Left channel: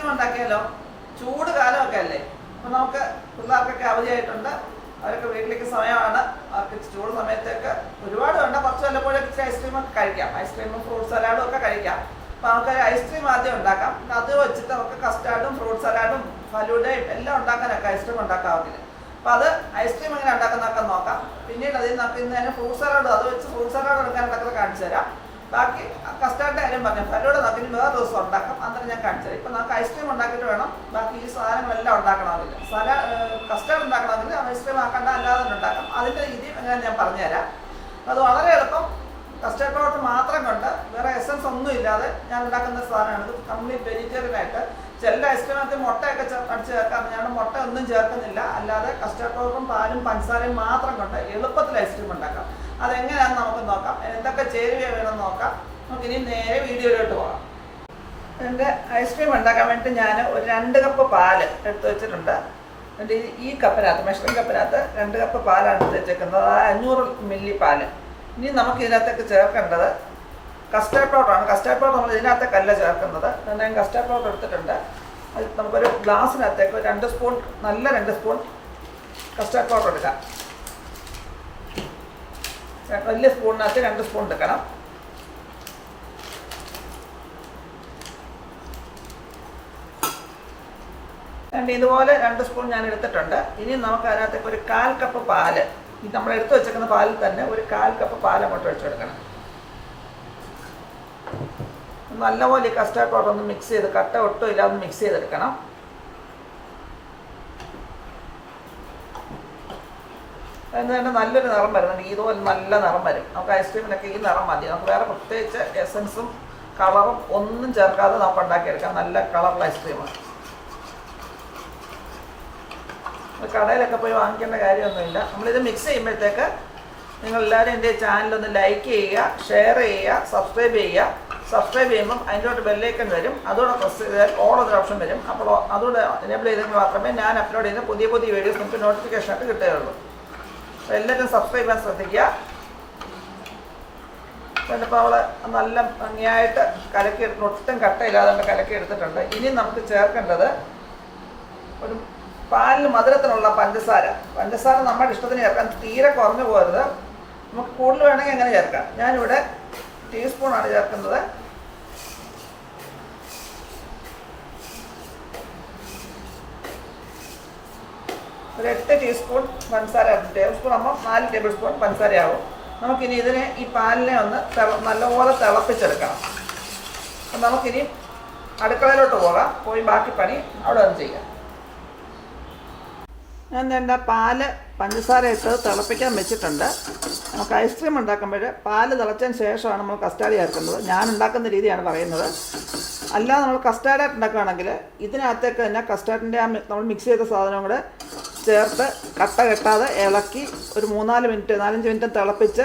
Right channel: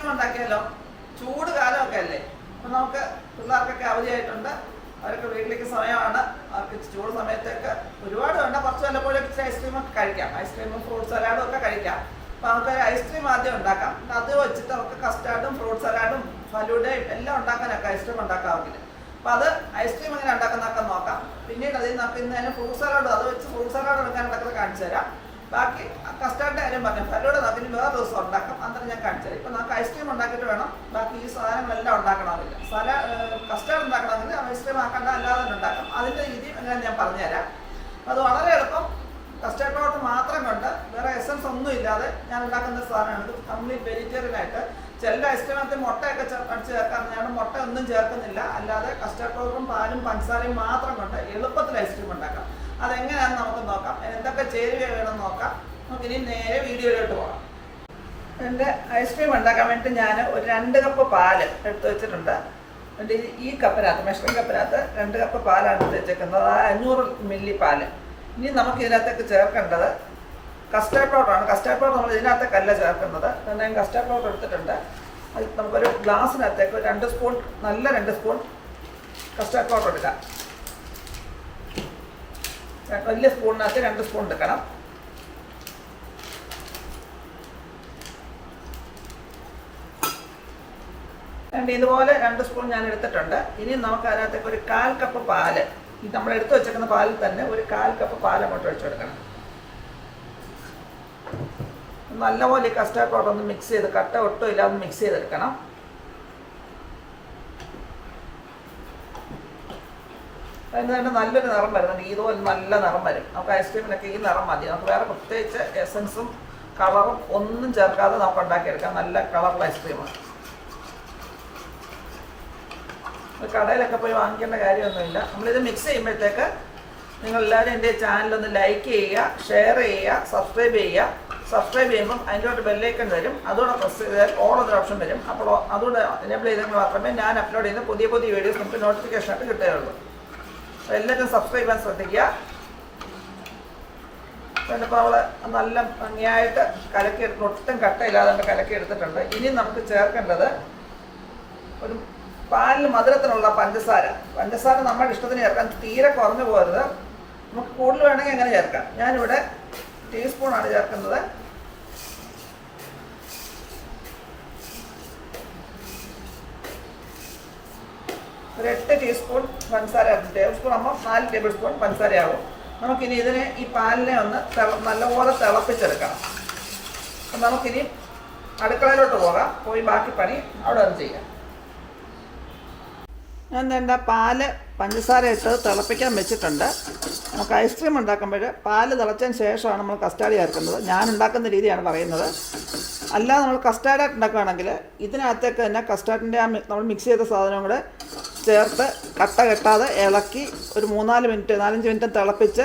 Ice cream ഉണ്ടാക്കിയാലോ ചൂട് കാലമൊക്കെ അല്ലേ? അപ്പം നമുക്ക് പിള്ളേർക്കൊക്കെ അവധിയായിട്ടുണ്ട്. അവരൊക്കെ വീട്ടിലേക്ക് സമയമാണ്. അവർക്ക് ചൂട് സമയത്തൊക്കെ ഒരുപാട് വേണ്ട. കുറച്ച് വല്ലപ്പോഴും ഇച്ചിരി ഐസ്ക്രീം ഒക്കെ കഴിക്കാം. ഐസ്ക്രീമും ഫ്രൂട്ട് സലാഡും ഒക്കെ കഴിക്കാം. അപ്പം നമുക്ക് ഐസ്ക്രീം ആദ്യം ഉണ്ടാക്കാം. അത് വെച്ചിട്ട് നമുക്ക് കസ്റ്റാർഡും ഫ്രൂട്ട് സലാഡും ഫലൂഡയും എല്ലാം ഉണ്ടാക്കാനൊക്കെ ഐസ്ക്രീം ഉണ്ടാക്കാവുന്നില്ല അപ്പം അത് ഐസ്ക്രീം എങ്ങനെ ഉണ്ടാക്കുന്നതൊക്കെ നോക്കാം. പിന്നീട് അതിൽ നമുക്ക് ഇന്ന് തന്നെ ഫ്രൂട്ട് സലാഡ് അത് വെച്ച് ഫ്രൂട്ട് സലാഡ് എടുക്കാനൊക്കെ കാണിച്ചു തരാം. ബാക്കി കസ്റ്റാർഡിന്റെ കാര്യം പറഞ്ഞു. ഫലൂടെ ഇനി വേറെ ദിവസം ഉണ്ടാക്കാം? അന്നേരം ഞാൻ കാണിച്ചത് ഇപ്പൊ നമുക്ക് ഐസ്ക്രീം ഉണ്ടാക്കിയിട്ട് വേണം. ബാക്കി ഈ സാധനങ്ങളെല്ലാം ഉണ്ടാക്കണമെന്നില്ല. സല കസ്റ്റാർഡ് ഉണ്ടാക്കണമെങ്കിൽ ഐസ്ക്രീം ആക്കണ്ട അല്ലാതെ തന്നെ ഉണ്ടാക്കാം. അതിന്റെ രീതി എങ്ങനെ ഞാൻ പറഞ്ഞുതരാം. അത് വളരെ എളുപ്പം. കസ്റ്റാർഡ് പൗഡർ മാത്രം കൊണ്ട് വേറെ എസൻസ് ഒന്നും ഇല്ലാതെ ഞാൻ ഉണ്ടാക്കുന്ന സാധനമാണ്. ഇത് കംപ്ലീറ്റ് വെജിറ്റേറിയൻ ആയിട്ട് ചില ഐസ്ക്രീമിനകത്ത് മുട്ടയൊക്കെ അടിച്ച് ചേർക്കാം ഞാൻ മുട്ട ഒന്നും ചേർക്കുന്നില്ല. അല്ലാതെ കസ്റ്റാർഡ് പൗഡറും പാലും പഞ്ചസാരയും മാത്രം കൊണ്ട് എളുപ്പത്തിൽ ഐസ്ക്രീം ഉണ്ടാക്കാം. അതെങ്ങനെയാണെന്ന് നമുക്ക് നോക്കാം. എന്തൊക്കെ ചേരുവ വേണം നോക്കാം. നമുക്ക് ഇനി നേരെ വീഡിയോയിലോട്ട് പോകാം. എന്റെ ഐസ്ക്രീം ഉണ്ടാക്കാൻ വേണ്ടി ഞാൻ ഒരു രണ്ട് കപ്പ് പാൽ എടുത്ത് വെച്ചിട്ടുണ്ട്. എന്റെ ഈ- കപ്പിനകത്ത് മെഷറിംഗ് കപ്പിനകത്ത് രണ്ട് കപ്പ് പാലാണ് എടുത്ത് വെച്ചേക്കുന്നത്. അത് അഞ്ഞൂറ് മില്ലി പാൽ. ഇനി നമുക്ക് ഇതിനകത്തേക്ക് ചേർക്കേണ്ടത് കസ്റ്റാർഡ് പൗഡറാണ് കസ്റ്റാർഡ് പൗഡർ നമ്മൾ ഇതിനകത്തേക്കല്ല ചേർക്കുന്നത്. ഞാൻ കസ്റ്റാർഡ് പൗഡർ എടുത്തിട്ടുണ്ട്. അത് നമുക്കൊരു ഗ്ലാസ്സിനകത്തേക്ക് രണ്ട് സ്പൂൺ നല്ല രണ്ട് സ്പൂൺ കസ്റ്റാർഡ് പൗഡർ എടുക്കാം. വലിയ സ്പൂണിനകത്ത് രണ്ട് സ്പൂൺ എടുക്കണം. രണ്ട് ഇതുപോലെ രണ്ട് സ്പൂൺ ഞാൻ എടുത്തിട്ടുണ്ട്. ഇനി നമുക്ക് അതിനകത്തേക്ക് ഒരു കാൽ കപ്പ് പാൽ. ഈ നമ്മൾ എടുത്തു വെച്ചേക്കുന്ന പാലിൽ തന്നെ ഒരു കാൽ കപ്പ് പാൽ അങ്ങോട്ട് വെച്ചെടുക്കണം നല്ലപോലെ കസ്റ്റാർഡ് പൗഡർ ഒന്ന് മിക്സ് ചെയ്ത് കട്ട ഒട്ടും ഇല്ലാതെ മിക്സ് ചെയ്തെടുക്കണം. അതിന് തന്നെ നല്ലൊരു നിറം വരുന്നുണ്ട്. ഈതോ നല്ല നിറം വരും. നമുക്ക് ഐസ്ക്രീമിനൊക്കെ ഈ നിറം മതി. നമുക്ക് വേറെ പ്രത്യേകിച്ച് എസൻസും കളറും ഒന്നും ചേർക്കാതെ നമുക്ക് ഉണ്ടാക്കിയെടുക്കാം. നല്ല കളറുള്ള ഐസ്ക്രീമാണ് കടയിലൊക്കെ പോയി വാങ്ങിക്കേണ്ട കാര്യമൊന്നുമില്ല. നമ്മളിത് മിക്സ് ചെയ്യുമ്പോഴത്തേക്ക് നിങ്ങൾ എല്ലാവരും എന്റെ ചാനലൊന്ന് ലൈക്ക് ചെയ്യുക ഷെയർ ചെയ്യുക സബ്സ്ക്രൈബ് ചെയ്യുക. സബ്സ്ക്രൈബ് ചെയ്യുമ്പം അതിന്റെ ബെല്ലൈക്കൺ വരും. അതോടെ പ്രസ് ചെയ്താൽ ഓൾ എന്നൊരു ഓപ്ഷൻ വരും. അപ്പോൾ അതുകൂടെ എനേബിൾ ചെയ്തെങ്കിൽ മാത്രമേ ഞാൻ അപ്ലോഡ് ചെയ്യുന്ന പുതിയ പുതിയ വീഡിയോസ് നമുക്ക് നോട്ടിഫിക്കേഷൻ ആയിട്ട് കിട്ടുകയുള്ളൂ. അപ്പോൾ എല്ലാവരും സബ്സ്ക്രൈബ് ചെയ്യാൻ ശ്രദ്ധിക്കുക. ചിലപ്പോൾ അവൾ നല്ല ഭംഗിയായിട്ട് കലക്കി എടുത്ത് ഒട്ടും കട്ടയില്ലാതെ കലക്കി എടുത്തിട്ടുണ്ട്. ഇനി നമുക്ക് ചേർക്കേണ്ടത് ഒരു പാലിന് മധുരത്തിനുള്ള പഞ്ചസാര. പഞ്ചസാര നമ്മുടെ ഇഷ്ടത്തിന് ചേർക്കാൻ തീരെ കുറഞ്ഞു പോകരുത്. നമുക്ക് കൂടുതൽ വേണമെങ്കിൽ അങ്ങനെ ചേർക്കാം. ഞാനിവിടെ ടീസ്പൂണാണ് ചേർക്കുന്നത്. ഒരു എട്ട് ടീസ്പൂൺ പഞ്ചസാര ടേബിൾ സ്പൂൺ ആകുമ്പോൾ നാല് ടേബിൾ സ്പൂൺ പഞ്ചസാരയാവും. നമുക്കിനി ഇതിനെ ഈ പാലിനെ ഒന്ന് നല്ലപോലെ തിളപ്പിച്ചെടുക്കണം. അപ്പം നമുക്കിനി അടുക്കളയിലോട്ട് പോകാം. പോയി ബാക്കി പണി അവിടെ ഒന്ന് ചെയ്യാം. ഞാൻ എന്റെ പാൽ പഞ്ചസാര ഇട്ട് തിളപ്പിക്കാൻ വെച്ചിട്ടുണ്ട്. നമുക്ക് ഐസ്ക്രീം ഉണ്ടാക്കുമ്പോൾ പാൽ തിളച്ചതിന് ശേഷമാണ് നമ്മൾ കസ്റ്റാർഡ് ചേർക്കുന്നത്. ഞാൻ ഉണ്ടാക്കുന്ന രീതിയാണ് പറയുന്നത്. അല്ലാതെ നമ്മൾ കസ്റ്റാർഡ് ഉണ്ടാക്കുകയാണെങ്കിൽ ഇതിനകത്തേക്ക് തന്നെ കസ്റ്റാർഡിന്റെ ആ നമ്മൾ മിക്സ് ചെയ്ത സാധനം കൂടെ ചേർത്ത് കട്ട കെട്ടാതെ ഇളക്കി ഒരു മൂന്നാൽ മിനിറ്റ് നാലഞ്ച് മിനിറ്റ് തിളപ്പിച്ച്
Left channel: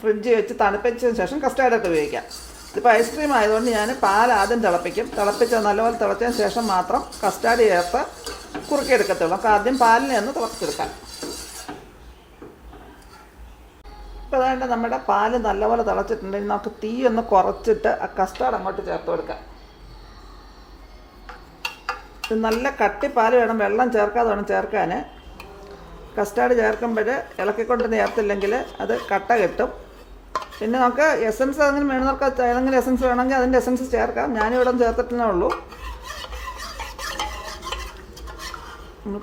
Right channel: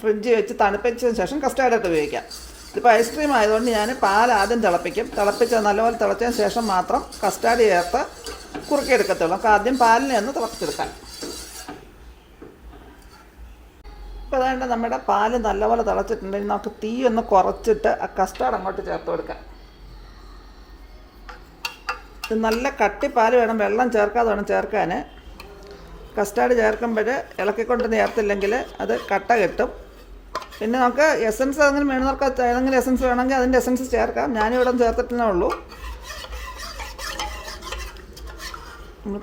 ഫ്രിഡ്ജ് വെച്ച് തണുപ്പിച്ചതിന് ശേഷം കസ്റ്റാർഡായിട്ട് ഉപയോഗിക്കാം. ഇതിപ്പോൾ ഐസ്ക്രീം ആയതുകൊണ്ട് ഞാൻ പാൽ ആദ്യം തിളപ്പിക്കും. തിളപ്പിച്ച് നല്ലപോലെ തിളച്ചതിന് ശേഷം മാത്രം കസ്റ്റാർഡ് ചേർത്ത് കുറുക്കിയെടുക്കത്തുള്ളൂ. നമുക്ക് ആദ്യം പാലിനെ ഒന്ന് തിളപ്പിച്ചെടുക്കാം. ഇപ്പോൾ അതായത് നമ്മുടെ പാൽ നല്ലപോലെ തിളച്ചിട്ടുണ്ടെങ്കിൽ നമുക്ക് തീ ഒന്ന് കുറച്ചിട്ട് ആ കസ്റ്റാർഡ് അങ്ങോട്ട് ചേർത്ത് കൊടുക്കാം. ഇത് നല്ല കട്ടിപ്പാൽ വേണം. വെള്ളം ചേർക്കാതെ വേണം ചേർക്കാൻ കസ്റ്റാർഡ് ചേർക്കുമ്പോൾ ഇളക്കിക്കൊണ്ട് നേർത്തില്ലെങ്കിൽ അത് കട്ട കിട്ടും. പിന്നെ നമുക്ക് എസൻസ് അതിന് വേണമെന്നവർക്ക് ഏതെങ്കിലും എസൻസ് വേണമെങ്കിൽ അതിന്റെ എസൻസ് ചേർക്കാം. ഞാനിവിടെ ചേർത്തിട്ടേ ഉള്ളൂ.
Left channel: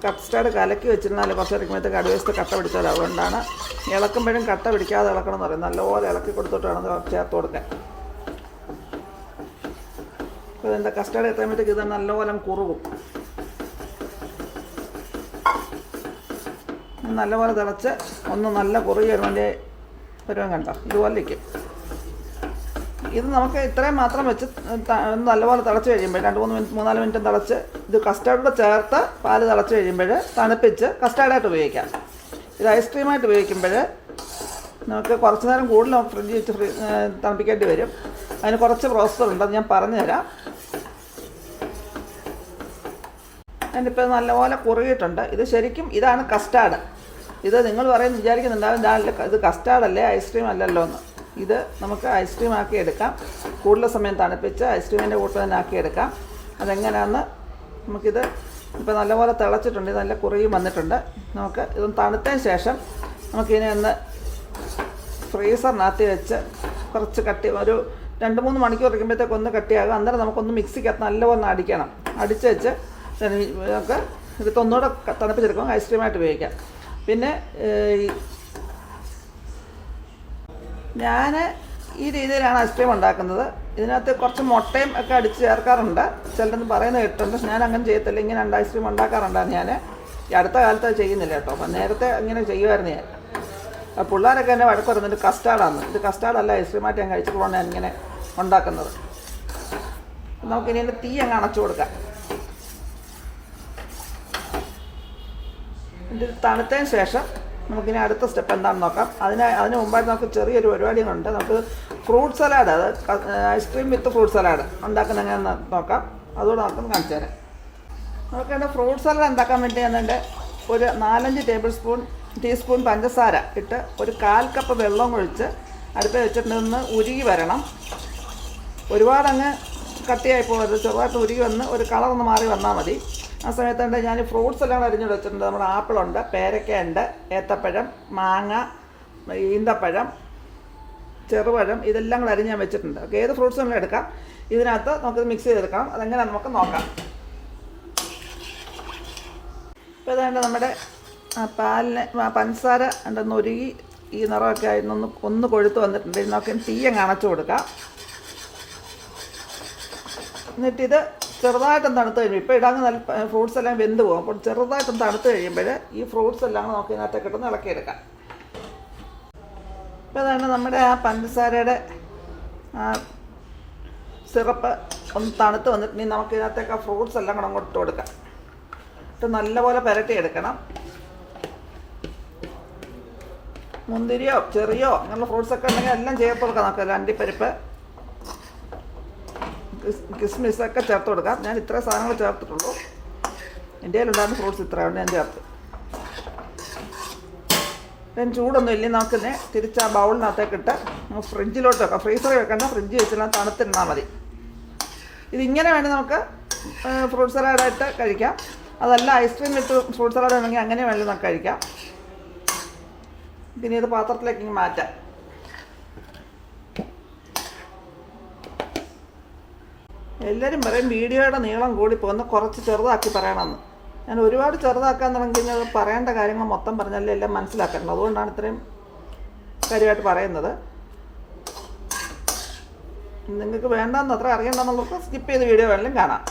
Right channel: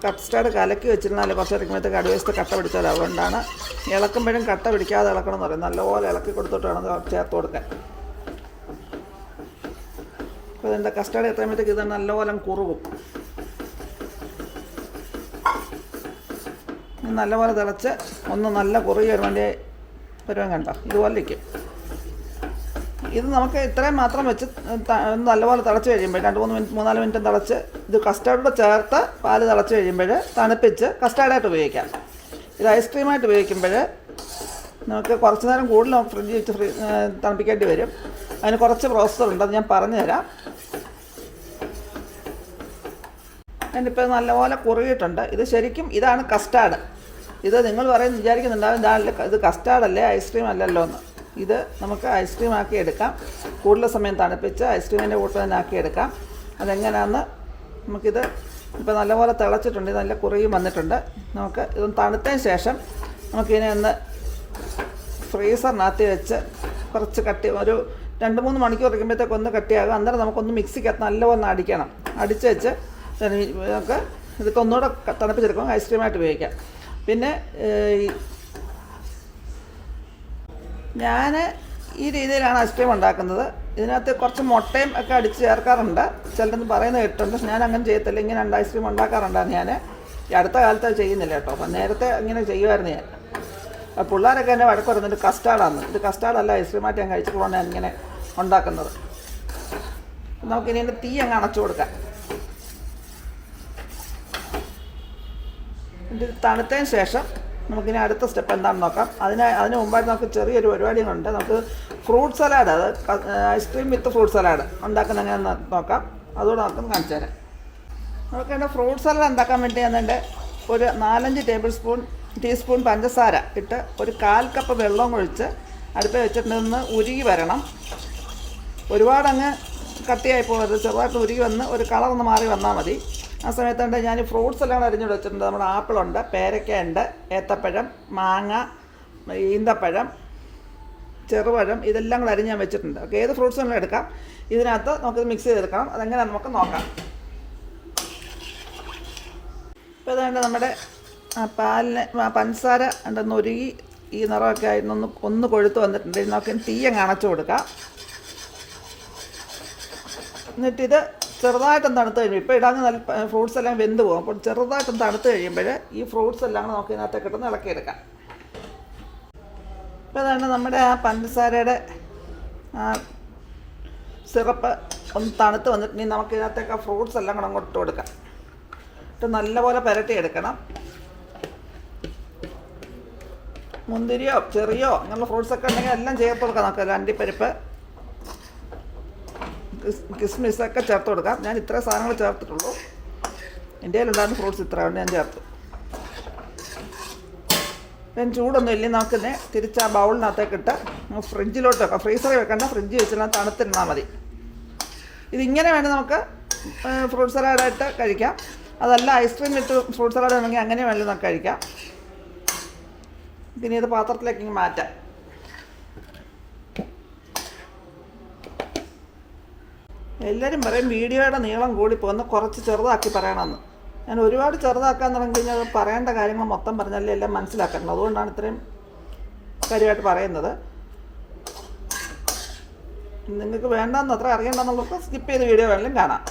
കസ്റ്റാർഡ് കലക്കി വെച്ചിരുന്നാലേ കുറച്ച് ഇറക്കുമ്പോഴത്തേക്ക് അടിവശത്ത് കട്ട പിടിച്ചത് അതുകൊണ്ടാണ്. ഇളക്കുമ്പോഴും കട്ട പിടിക്കാതെ ഇളക്കണം എന്ന് പറയും നല്ലപോലെ ഇളക്കി കൊടുത്തിട്ട് വേണം ചേർത്ത് കൊടുക്കാൻ അപ്പോൾ ഇതിന്റെ കസ്റ്റാർഡ് എത്തുമ്പോഴത്തേക്ക് ഇത് നല്ലപോലെ കുറുകും. നല്ലപോലെ തിളച്ച് ഒന്ന് നല്ല കുറുകി വരുവാന്റെ വരുവാൻ കണ്ടോ? ഇതുപോലെ ഇരിക്കും. ഇത് നമുക്ക് ഇത്രയും മാത്രം വെച്ച് നല്ലപോലെ തിളച്ച് കഴിയുമ്പോൾ രണ്ട് മൂന്ന് മിനിറ്റ് മൂന്നാൽ മിനിറ്റ് തിളച്ച് ഇത് കസ്റ്റാർഡ് ചേർത്ത് പാൽ തിളച്ച് കഴിയുമ്പോൾ തണുപ്പിച്ച് കസ്റ്റാർഡായിട്ട് ഉപയോഗിക്കാം. ഇത് ഐസ്ക്രീമായിട്ട് ഉപയോഗിക്കുമ്പോൾ നമുക്ക് കുറച്ച് നേരം കൂടുതൽ ഫ്രിഡ്ജ് വെച്ച് ഫ്രി തണുപ്പിക്കേണ്ടി വരും. അതിന് കുറച്ച് പ്രോസസ്സർ ഉണ്ട് അത് ഞാൻ പറഞ്ഞുതരാം. അതിനിപ്പോൾ നല്ലപോലെ കുറുകിയിട്ടുണ്ട്. ഇത് ശരിക്കും ഇതാണ് കസ്റ്റാർഡ് ഇത് നിങ്ങൾ പറയുന്നത് വിചാരിക്കുന്നുണ്ടാവും രാവിലെ ഇത് കസ്റ്റാർഡ് അല്ലേ ഐസ്ക്രീം അല്ലല്ലോ എന്ന്. ഇത് നമുക്ക് ഐസ്ക്രീം ആക്കി എടുക്കാം. കൂടുതൽ സമയം തണുപ്പിച്ച് ഐസ്ക്രീമിന്റെ കൂട്ടം തന്നെ ആക്കി എടുക്കാം. അതെങ്ങനെയാണെന്ന് നമുക്കിത് ഇപ്പോൾ നല്ലപോലെ തിളച്ചിട്ടുണ്ട് നല്ല കുറയും വന്നിട്ടുണ്ട്. നമുക്ക് ഇതൊന്ന് തണുത്തതിന് ശേഷം നമുക്കിതിനെ ഒന്ന് ഫ്രീസറിനകത്ത് വെച്ച് കുറച്ച് കട്ടി ഒരു രണ്ട് മൂന്ന് മണിക്കൂർ ഇരിക്കുമ്പോഴത്തേക്ക് ഒന്ന് കട്ടിയാകും. അന്നേരം നമുക്കൊന്ന് മിക്സിക്കകത്ത് നല്ലപോലെ അടിക്കണം. അടിച്ച് വെച്ച് നമുക്ക് ഇതൊക്കെ ഒന്നുകൂടെ തണുപ്പിച്ചെടുക്കാം ഐസ്ക്രീമായിട്ട് ഉപയോഗിക്കാം. പിന്നെ ഞാൻ ഈ രീതിയിലാണ് ഐസ്ക്രീം ഉണ്ടാക്കുന്നത്. ഇതിനകത്ത് കുറച്ച് മുട്ടയും ഒക്കെ അടിച്ച് ചേർക്കാറുണ്ട്. ചിലരൊന്നും പറയുന്നത് കേട്ടിട്ടുണ്ട്. ഞാൻ അങ്ങനെ ചെയ്യത്തില്ല. ഇങ്ങനെ ഐസ്ക്രീം ഉണ്ടാക്കാറുണ്ടായിരുന്നു ഞാൻ ഈ അടുത്ത കാലത്ത് ചെയ്യുന്നില്ല കേട്ടോ. അപ്പം നേരത്തെ അങ്ങനെ ചെയ്യുമായിരുന്നു ഞാൻ. പിള്ളേരൊക്കെ എന്നെ വഴക്ക് പറയുന്നുണ്ട് കസ്റ്റാർഡാണ്. ഇത് കസ്റ്റാർഡല്ല. ഐസ്ക്രീമായിട്ട് ഞാൻ കഴിച്ചിട്ടുള്ളതാണ് ഞാൻ ഇങ്ങനെ ഉണ്ടാക്കുന്നത്. നമുക്കിനി ഇതിന്റെ തീ അങ്ങ് അണച്ചു കൊടുക്കാം. ഇത് തണുത്തതിന് ശേഷം നമുക്കിനി അടുത്ത സ്റ്റെപ്പ് എന്താണെന്ന് നോക്കാം. അതിന് അതിന് മുമ്പായിട്ട് നമുക്ക് ചെറിയൊരു പരിപാടിയുണ്ട്. നമുക്ക് ഫ്രൂട്ട് സലാഡ് അത് ice cream with fruit salad ഉണ്ടാക്കുന്ന എങ്ങനെയാണെന്ന് നോക്കാം. അതുകൂടെ നമുക്ക് കാണിച്ചു തരാം നമുക്ക് എന്റെ ഫ്രൂട്ട് സലാഡ് ഉണ്ടാക്കാൻ വേണ്ടി ഞാൻ എന്റെ ഒരു നാലഞ്ച് ടേബിൾ സ്പൂൺ ടീസ്പൂൺ പഞ്ചസാര ഇട്ട് ഒരു കാൽ കപ്പ് വെള്ളം ഒഴിച്ച് അടുപ്പിൽ നിന്ന് ഉരുകി വരണം. ഒരുപാടങ്ങ് കട്ടിയായി പോകരുത്. ചെറുതായിട്ട് ഉരുകി വന്ന് ഒരു കളർ ഒന്ന് മാറി വന്നാൽ മതി. ആ സമയത്തുണ്ട് ഞാൻ ഫ്രൂട്ട്സ് എല്ലാം അരിഞ്ഞു വെച്ചിട്ടുണ്ട്. നമ്മുടെ ആപ്പിളുണ്ട് പേരക്കയുണ്ട് ഏത്തപ്പഴം മാങ്ങ ഈന്തപ്പഴം ചെറുപഴം ഇതെല്ലാം കൂടെ അരിഞ്ഞ് ഞാൻ വെച്ചിട്ടുണ്ട്. ഓക്കെ ഏത് ഫ്രൂട്ട്സ് നമ്മൾ എടുക്കാം. ഇതിനകത്ത് നമുക്ക് മിക്സ് ചെയ്തെടുക്കണം. അതെങ്ങനെ നമുക്ക് നോക്കാം. ഇപ്പോൾ അതുകൊണ്ട് നമ്മുടെ പാലിന് പഞ്ചസാര എന്താ ഒരുകി ഈ നിറമൊക്കെ ആയിരുന്നു ഒന്ന് കൊഴുത്ത് വന്നിട്ടുണ്ട്. ഇതിനൊക്കെ തീയം അണച്ചു കൊടുക്കാം. എന്നിട്ടിത് ചെറുതായിട്ടൊന്ന് തണുത്ത് കഴിയും ഇപ്പോൾ ഇടാൻ നല്ല ഫ്രൂട്ട്സ് എല്ലാം വെന്ത് പോകും. അപ്പോൾ ചെറുതായിട്ടൊന്ന് തണുത്ത് കഴിയുമ്പോൾ ഈ ഫ്രൂട്ട്സ് എല്ലാം നമുക്ക് ഇതിനകത്തേക്ക് ഇട്ട് ഇളക്കിയെടുക്കാം ഇപ്പോൾ അതാണ് നമ്മുടെ ആ പഞ്ചസാരയുടെ സിറപ്പ് ഒന്ന് തണുത്ത് വന്നിട്ടുണ്ടെങ്കിൽ നമുക്ക് ഇതിനകത്തേക്ക് ആ ഫ്രൂട്ട്സ് എല്ലാം കൂടെ അങ്ങോട്ട് കൊടുക്കാം. ഇത് നല്ലപോലെ പുരട്ടിയെടുക്കണം മുന്തിരിയോ ചെറിയോ അങ്ങനെയുള്ള ഫ്രൂട്ട്സ് ഒക്കെ ഉണ്ടെങ്കിൽ എല്ലാം ചേർത്ത് കൊടുക്കാം നമുക്ക്. രണ്ടിപ്പരിപ്പ് കിസ്മിസ് ഒക്കെ ചേർത്ത് കൊടുക്കാം. ഞാൻ ഇത്ര സാധനങ്ങൾ ചേർത്തിട്ടുള്ളൂ. എന്റെ കയ്യിലുണ്ടായിരുന്ന ഫ്രൂട്ട്സ് ഇത്ര ഞാൻ ചേർത്ത്. ഞാൻ ചൂടൊന്നും ഇല്ലേ നമുക്കിന്നെ തിരിച്ച് ആ ബൗളിനകത്തേക്ക് ഇട്ട് നമുക്ക് വെക്കാം ഫ്രീസറിൽ വെക്കണ്ട ഫ്രിഡ്ജ് വെച്ചാൽ തണുത്തിരുന്നാൽ മതി. ഇതിങ്ങനെ വേണം നമുക്ക് ഫ്രൂട്ട് സലാഡായിട്ട് കഴിക്കാം. അതല്ല ഐസ്ക്രീം ഇട്ട് ഫ്രൂട്ട് സലാഡ് ആണെങ്കിൽ അങ്ങനെ വേണമെങ്കിൽ നമുക്ക് കഴിക്കാം പിന്നെ ഇത് പാത്രത്തിലേക്ക് മാറ്റാം. എല്ലാവരും പറയും വീഡിയോയുടെ നീളം കൂടിപ്പോന്ന് കുറച്ച് ചെറുതാക്കി പറയണമെന്ന്. ഞാൻ ഒരുപാട് ചെറുതാക്കാൻ തുടങ്ങി കഴിഞ്ഞാൽ പറയേണ്ട കാര്യങ്ങൾ മൊത്തം പറഞ്ഞാലേ എല്ലാം മനസ്സിലാക്കണം അതുകൊണ്ടാണ് ഇത്രയും കാര്യമായിട്ട് പറയുന്നത്. നിങ്ങൾക്ക് വേണ്ടെന്ന് അത്ര അറിയണ്ടെന്നുള്ളവർക്ക് സ്കിപ്പ് ചെയ്ത് വീഡിയോ വേണമെങ്കിലും കാണാം.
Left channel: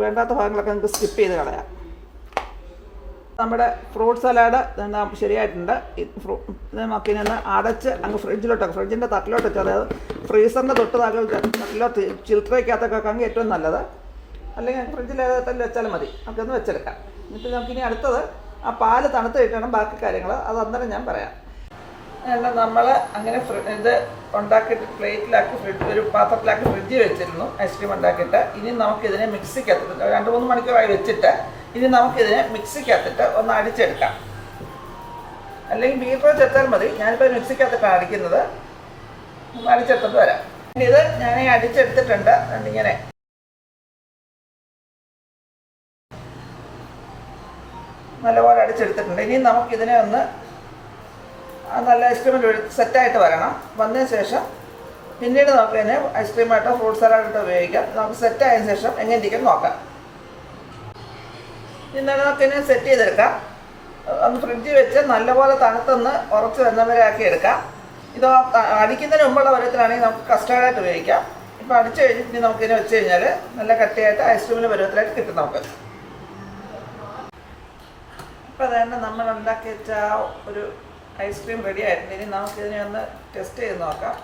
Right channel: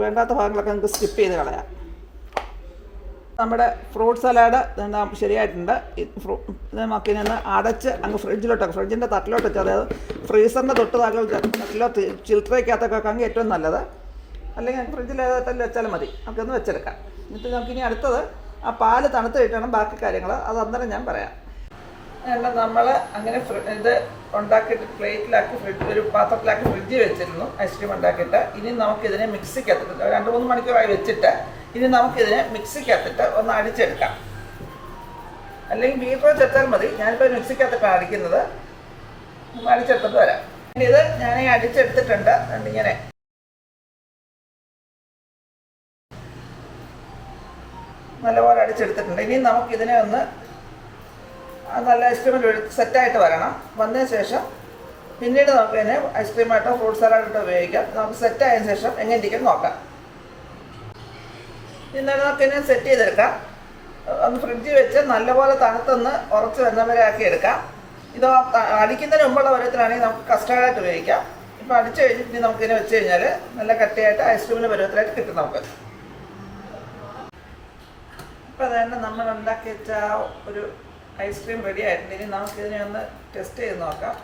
വേണ്ടാത്ത ഭാഗങ്ങളൊക്കെ നമുക്ക് സ്കിപ്പ് ചെയ്ത് കളയാം. നമ്മുടെ ഫ്രൂട്ട് സലാഡ് ശരിയായിട്ടുണ്ട്. ഇനി ഒന്ന് അടച്ച് അങ്ങ് ഫ്രിഡ്ജിലോട്ട് ഫ്രിഡ്ജിന്റെ തട്ടിലോട്ട് വെച്ചാൽ അതായത് ഫ്രീസറിന്റെ തൊട്ട് താഴെ തട്ടിലോട്ട് ചിൽത്രയ്ക്കകത്തൊക്കെ വെക്കാമെങ്കിൽ ഏറ്റവും നല്ലത്. അല്ലെങ്കിൽ ഫ്രിഡ്ജിൽ ഏതായാലും വെച്ചാലും മതി. നമുക്കൊന്ന് വെച്ചെടുക്കാം. എന്നിട്ട് നമുക്കിനി അടുത്തത് ആ പാൽ തണുത്ത് കഴിക്കണം ബാക്കി കാര്യങ്ങൾ അത് അന്നേരം ഞാൻ പറയാം. നമ്മൾ അങ്ങനെ ഇത് ഉണ്ടാക്കിയിട്ട് പ്ലേറ്റിലാക്കി ഫ്രിഡ്ജ് ഒരു പാത്രത്തിലാക്കി ഫ്രിഡ്ജിൽ വെച്ചിരുന്നു ഐസ്ക്രീം ഉണ്ടാക്കിയിട്ട്. ഇനി നമുക്കിതിനെ മിക്സിക്കകത്തിട്ട് രണ്ട് മൂന്ന് മണിക്കൂറായി വെച്ചിട്ട് ഇനി നമുക്കിതിനെ മിക്സിക്കകത്തിട്ട് ഒന്ന് അടിച്ചെടുക്കാം. അല്ലെങ്കിൽ ബീറ്റർ വെച്ചെടുത്താൽ മതി. ഞാനിപ്പോൾ മിക്സിക്കകത്തിട്ടാണ് അടിക്കുന്നത്. ഒന്ന് അടിച്ചെടുത്തിട്ട് വരാം. ഇത് ഞാൻ അടിച്ചെടുത്തിട്ടുണ്ട്. ഇങ്ങനെ. നല്ലപോലെ അടിച്ചെടുത്തിട്ടുണ്ട്. ഇനി നമുക്കിതിനെ ഒന്ന് നല്ല ഐസ്ക്രീമിൽ സെറ്റായിട്ട് വരണം. വന്നതിന് ശേഷം പിന്നീട് നമുക്ക് അതിനെ ഐസ്ക്രീമായിട്ടോ ഫ്രൂട്ട് സലാഡായിട്ടോ ഉപയോഗിക്കാം. നമുക്ക് സെറ്റായതിന് ശേഷം എങ്ങനെ ഇരിക്കും നോക്കാം ഇന്നലെ നമുക്ക് ഇതിനെ സെറ്റ് ചെയ്തെടുക്കാം. ഒന്ന് ഫ്രിഡ്ജിൽ വെച്ച് നല്ലപോലെ തണുത്തൊന്ന് ഉറച്ച് വരുന്നവരെ ആക്കി എടുക്കാം. ഇത് അടിക്കുന്നതിന് മുമ്പുള്ള പരുവത്തിലാണെങ്കിൽ നമുക്ക് കസ്റ്റാർഡായിട്ട് ഉപയോഗിക്കാം. ഇപ്പോൾ അടിച്ചു കഴിഞ്ഞിട്ട് ഇനി നമുക്കിതിനെ വെച്ച് കഴിഞ്ഞാൽ നല്ല കട്ടിയായിട്ട് ഐസ്ക്രീമിന്റെ പരുവത്തിലായിട്ട് കിട്ടും നമുക്ക്. ഇപ്പം തന്നെ നമ്മൾ ഉണ്ടാക്കി വെച്ച ഒരു ഐസ്ക്രീം റെഡി ഇനി നമുക്കിതിനെ ഒന്ന് ടെസ്റ്റ് ചെയ്ത് നോക്കാം.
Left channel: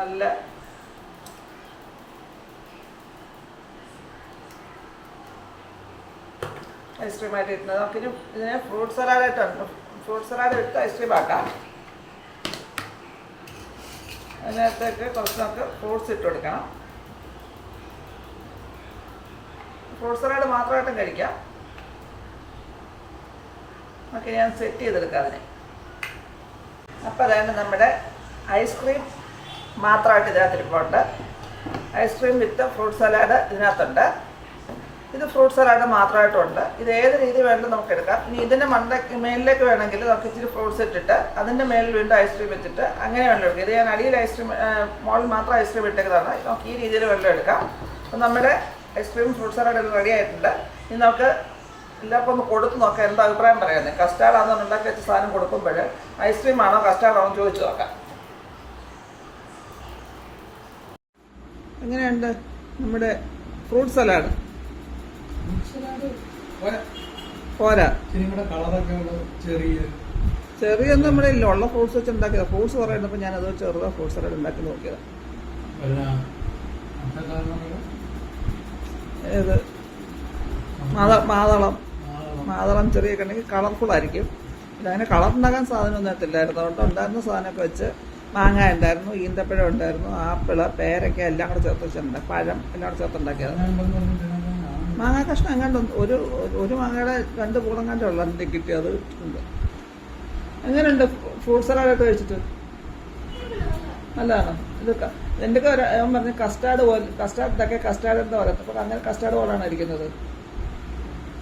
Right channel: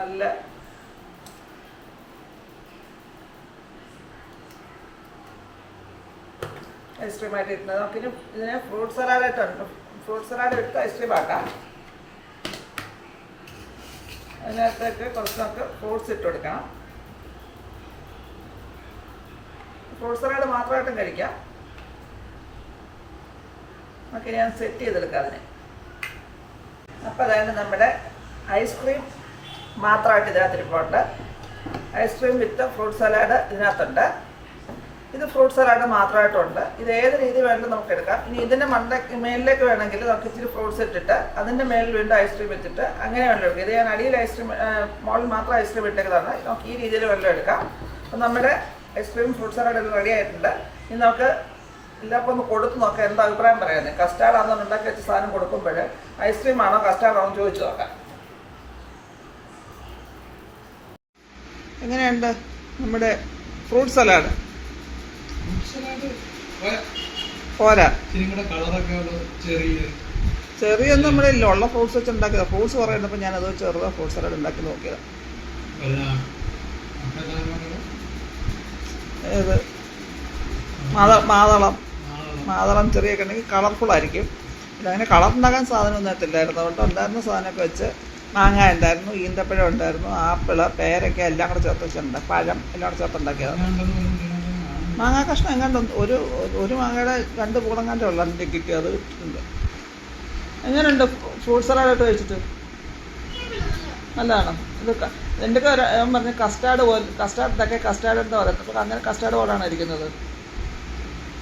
നല്ല ഐസ്ക്രീം ആയിട്ട് ഇട്ടുണ്ട് നമുക്കിനി ഇതിനെ ഫ്രൂട്ട് സലാഡായിട്ടുണ്ട് ഫ്രൂട്ട് സലാഡ് ഇട്ട് ഐസ്ക്രീം ആക്കാം. അതിനകത്തേക്ക് കുറച്ച് നമുക്ക് ഫ്രൂട്ട്സ് ഇട്ട് കൊടുക്കണം. ഫ്രൂട്ട് സലാഡ് മാത്രമായിട്ടും കഴിക്കാം നമുക്ക് ഞാൻ സെറ്റ് ചെയ്തെടുക്കാം അതിനെ. അപ്പോൾ അതാണ് നമ്മുടെ ഐസ്ക്രീം മാത്രമായിട്ട് ഇതിനകത്ത് ഇരിപ്പുണ്ട് ഐസ്ക്രീം വിത്ത് ഫ്രൂട്ട് സലാഡ് ഇതിനകത്തുണ്ട്. ഇത് ഫ്രൂട്ട് സലാഡ് മാത്രമായിട്ടുണ്ട്. ഇത് ഏത് രീതി വേണമെങ്കിലും നമുക്ക് എടുക്കാം. ഇനി ഇതിന്റെ മണ്ട മേലിലേക്ക് വേണമെങ്കിൽ നമുക്ക് ഇച്ചിരി ഫ്രൂട്ട്സ് ഇട്ടിട്ട് അതിന്റെ മേലിൽ വീണ്ടും ഐസ്ക്രീം വെച്ചിട്ട് അങ്ങനെ വെള്ളം എടുക്കാം. ഇത് ഞാൻ അടിയിൽ ഐസ്ക്രീം മോളിൽ മാത്രം ഐസ്ക്രീം ഇട്ടേക്കുന്നതാണ്. നമുക്ക് ഈ രീതിയിൽ വെള്ളം എടുക്കാം. അപ്പം നമ്മുടെ ഐസ്ക്രീം ഫ്രൂട്ട് സലാഡ് റെഡി ആയിട്ടുണ്ട്. ഇനി നമുക്ക് എല്ലാവർക്കും ഒന്ന് കൊടുത്ത് നോക്കാം. എന്താ അഭിപ്രായം പറയാം കസ്റ്റാർഡ് ആണെന്ന് ഉണ്ടാക്കി വെച്ച സാധനം കൊടുക്കുമ്പോൾ ഐസ്ക്രീം ആണോ കസ്റ്റാർഡ് ആണോ എന്ന് ചോദിച്ചു നോക്കാം. എങ്ങനെയുണ്ട് നമ്മുടെ ഫ്രൂട്ട് സലാഡ് പോരാ. ചെറിയൊന്നും നമ്മുടെ ഇല്ല. ഉള്ള ഫ്രൂട്ട്സ് വെച്ച് ഉണ്ടാക്കിയതാണ് ഫ്രൂട്ട്സ് കുറേ ഉണ്ടപ്പോൾ ഞാൻ അത് ചെറുതാ ഫ്രൂട്ട് സലാഡ് ഉണ്ടാക്കി നോക്കിയത്. ഏത് മാത മാതളം. മാതളം. ചെറിയ കണ്ടെങ്കിൽ കളർഫുൾ ആയിരിക്കും. ഇതങ്ങനെ കളർ ഉണ്ടാക്കാൻ സാധനമൊന്നും എത്തില്ലായിരുന്നു അതുകൊണ്ട് ഉണ്ടായിരുന്ന സാധനമൊക്കെ വെച്ച് മാങ്ങ ഉണ്ടായിരുന്നു ഈന്തപ്പഴം ഉണ്ടായിരുന്നു ആപ്പിൾ പേരക്ക എല്ലാം കൂടെ ചേർത്ത് വെച്ചിട്ടുണ്ട്. പഴം എല്ലാം കൂടെ ചേർത്ത് ഉണ്ടാക്കിയത് മാങ്ങ. കഷ്ണം എങ്ങാണ്ട് ഒരു ഒരു മാങ്ങയുടെ രണ്ട് പൂളങ്ങാന്റെ ഉള്ള എന്റെ കിട്ടി അത് ഇട്ടിട്ടുണ്ട്. എങ്ങനെയുണ്ട്? ഫ്രൂട്ട് സലാഡായിട്ട് കഴിച്ചിട്ട്? നല്ലതാണോ? ഇത് ക- എന്റെ ഞാൻ പറഞ്ഞ കസ്റ്റാർഡ് പോലെ കസ്റ്റാർഡ് ഇതൊക്കെ കസ്റ്റാർഡ് എന്താ പറയുന്നത് അപ്പോൾ അങ്ങനെ കസ്റ്റാർഡ് പോലാണ് ഇരിക്കുന്നത്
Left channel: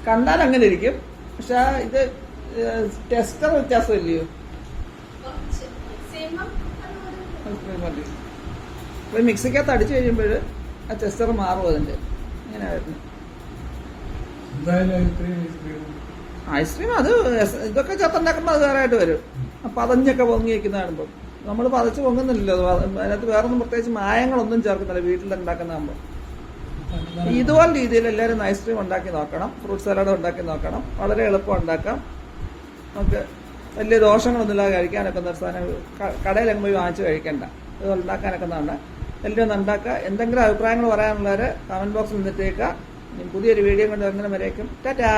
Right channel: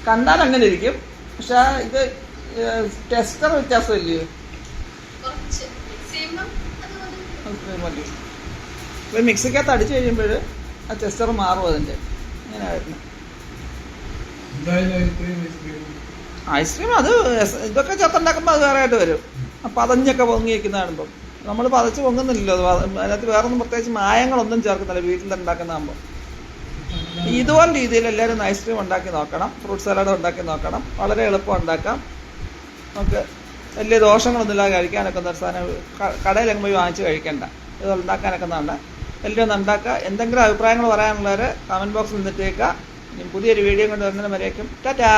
കണ്ടാൽ അങ്ങനെ ഇരിക്കും. പക്ഷെ ആ ഇത് ടെസ്റ്റർ വ്യത്യാസമില്ലയോ ഇല്ലയോ മതി. ഇപ്പോൾ മിക്സിക്കകത്ത് അടിച്ചു കഴിയുമ്പോൾ ആ ടെസ്റ്റർ മാറും അതിന്റെ. ഇങ്ങനെ വരുന്നത് ഐസ്ക്രീം അത് ഇതൊക്കെ ചേർത്തുണ്ടാക്കുമ്പോൾ അത് വേറെ ആയിട്ട് വരും. ആ പതഞ്ഞൊക്കെ പൊങ്ങി വയ്ക്കുന്ന കാണുമ്പം. നമ്മൾ പതച്ച് പൊങ്ങുന്നില്ലല്ലോ. അതിനകത്ത് വേറൊന്നും പ്രത്യേകിച്ച് മായങ്ങളൊന്നും ചേർക്കുന്നില്ല. വീട്ടിൽ ഉണ്ടാക്കുന്നതാകുമ്പോൾ ഇതുപോലെ രീതിയിൽ എല്ലാവരും ഐസ്ക്രീം ഉണ്ടാക്കി നോക്കണം. ഫ്രൂട്ട് സലാഡ് ഉണ്ടാക്കി നോക്കണം. വളരെ എളുപ്പം ഉണ്ടാക്കാം. നമുക്ക് വലിയ ദോഷങ്ങളൊന്നും ഇല്ലാതെ കഴിക്കാനൊക്കെ ഒരു സാധനം കടയിലങ്ങ് പോയി വാങ്ങിച്ച് കഴിക്കണ്ട. ഇത് ഉണ്ടാക്കാനൊക്കെ നല്ല എല്ലാവരും ഒന്ന് ഉണ്ടാക്കുക. എന്തെങ്കിലും അഭിപ്രായങ്ങൾ പറയാനുള്ളവർ കമന്റ് ബോക്സിൽ നിന്നിട്ടേക്കുക. പുതിയൊരു വീഡിയോ കൊണ്ട് വരുന്നതിന് വരേക്കും. ടാറ്റാ!